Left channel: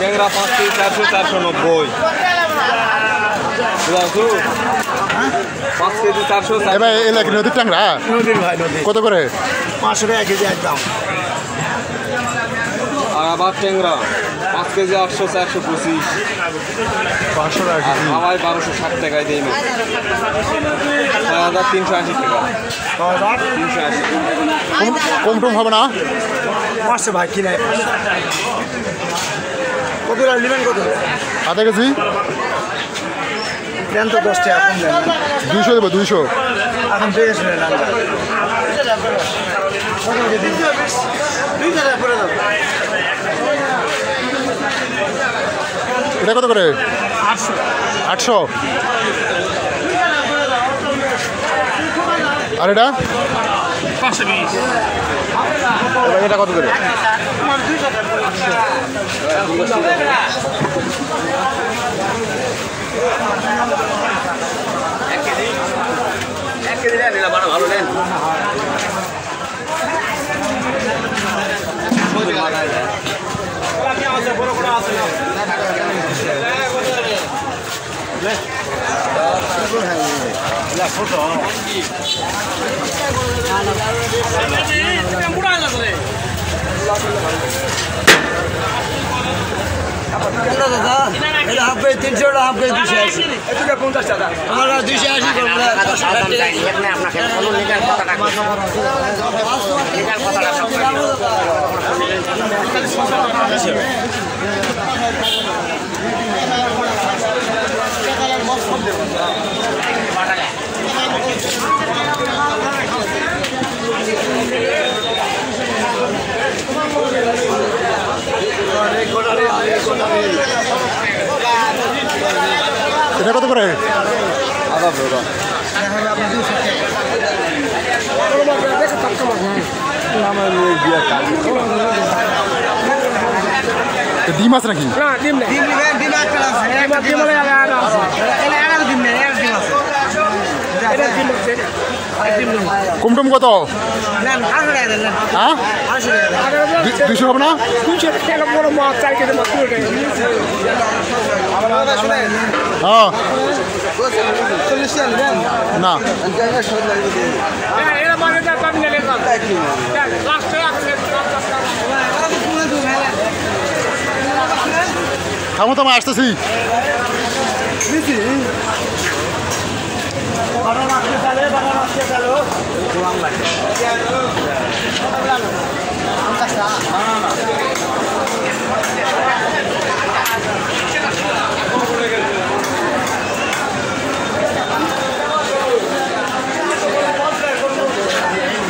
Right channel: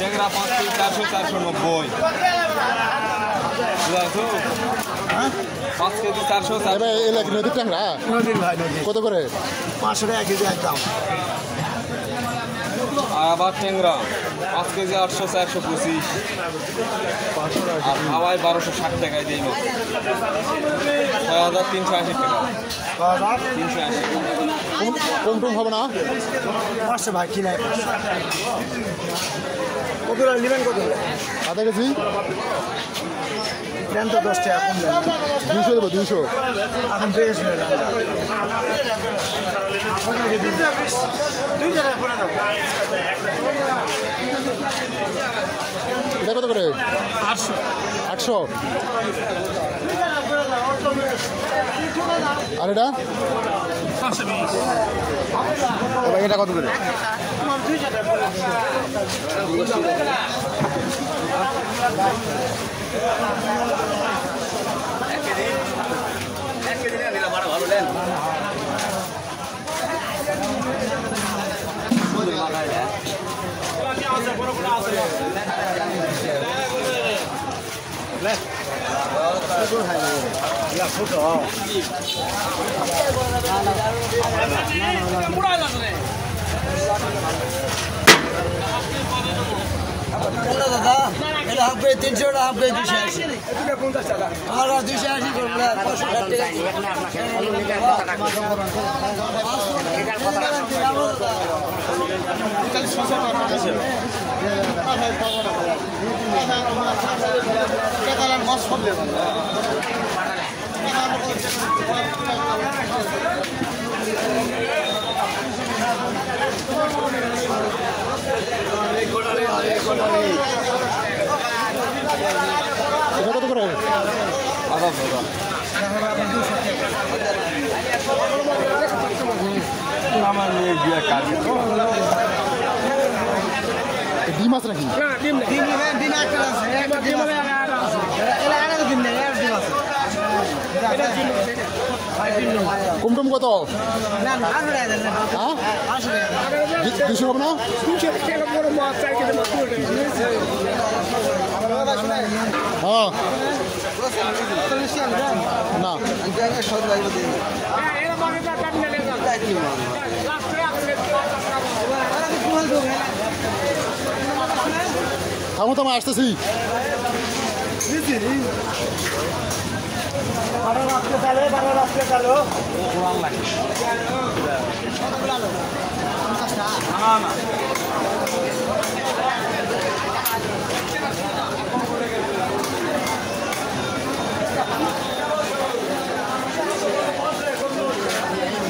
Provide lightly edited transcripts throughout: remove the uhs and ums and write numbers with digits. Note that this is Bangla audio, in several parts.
ট্যাংরা 5 কেজি 400 490 5 কেজি 400 এবার এই লাগে নদীর ট্যাংরা নদীর ভাই নদী কত করে 500 টাকা কেজি একদম আবার ট্যাংরা 5 কেজি 800 425 500 টাকা আর হাওয়ায় 1260 টাকায় দেই না 6380 টাকা 380 কম টম হবে না পাঁচশো ভাই কি নাই কত নেবেন কত আধা কেজি ট্রেন তো 10 টাকা কম দেন 200 দেবো 200 এখন পেয়ে শুনে না এটা কত করে 800 আর এটা 520 এবার এটা কত করে ভালো দেন দাদা এটা হাফ কেজি 300 টাকা হাফ কেজি 280 এটা 50 টাকা তোমার 280 এটা কত করে আদা ধরা ডিম আছে নাকি না ডিম নেই ডিম একটা আছে ডিম মানে আর আছে এলা আর ডিম নেই আর ডিম আছে এটা ডিম আছে কুমটুম কত না 800 টাকা দেন হ্যাঁ 800 টাকা 200 হবে না 200 টাকা বড় মাছ 4 কেজি মাছ তুলে আমার শুনে হ্যাঁ না এরা মানে যা পাবি না লেখা লাস্ট থামো থামো আসতেছি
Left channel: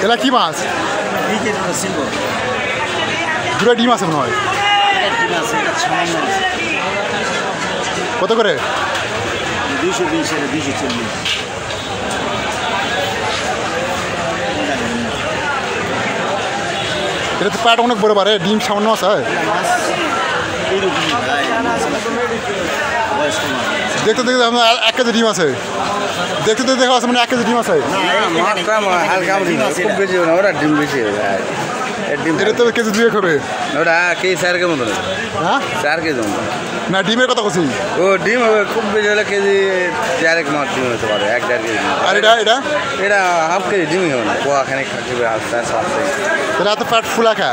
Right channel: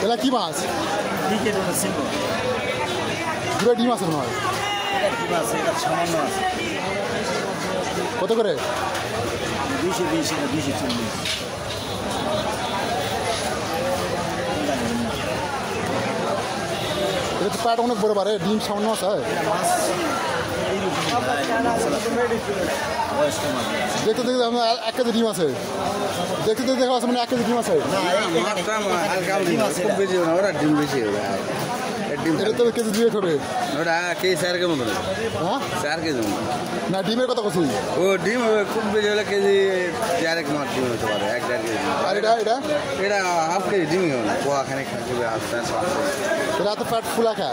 এটা কি মাছ দুটো ডিম আছে মনে হয় কত করে 220 এটা 240 এটা তো প্যাট অনেক বড় পারে ডিম সামান্য আছে দেখতে দেখতে আপনার 1 কেজি ডিম আছে দেখতে দেখতে দেখা আছে মানে 1 কেজি ডিম আছে এটা তো কেজি 2 হবে ওটা কে 4 কেজি মতো হ্যাঁ 4 কেজি না ডিমের কথা বলছি ও ডিম খুব বেশি হলে কেজি 4 মাছ ডিম হতে পারে 1.5 কেজি আর এটা এটা এটা হাফ কেজি ডিমই হবে না পোয়া খানে খাবে আস্তে আস্তে তাহলে এত প্যাট ফুলা খা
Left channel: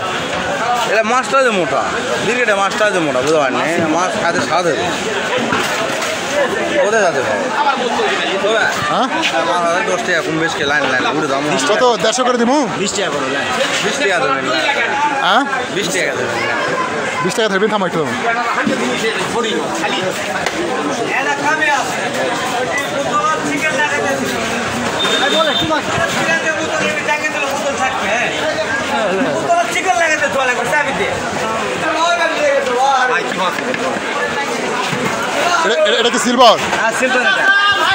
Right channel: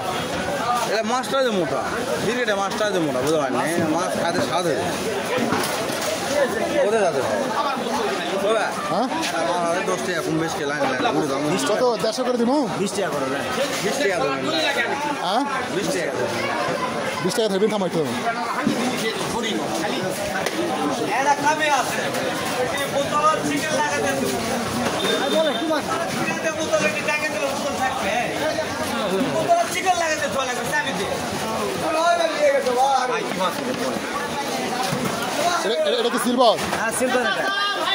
এটা মাছটা যে মোটা বিকেটে মাছটা যে মোটা বুঝতে পারেন মাছ খাতে স্বাদ হবে ওদের যাতে হ্যাঁ 10 টাকা কম বেশি লাইন লাইন উঠে দাম কত 150 করে দিমু 20 টাকা করে লাইন 20 টাকা দেবেন হ্যাঁ 20 টাকা দেবেন 20 টাকা ধরবেন থামাই তো এটা কি সিলভার সিলভার এটা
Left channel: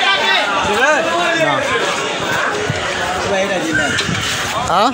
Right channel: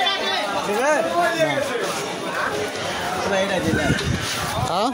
হ্যাঁ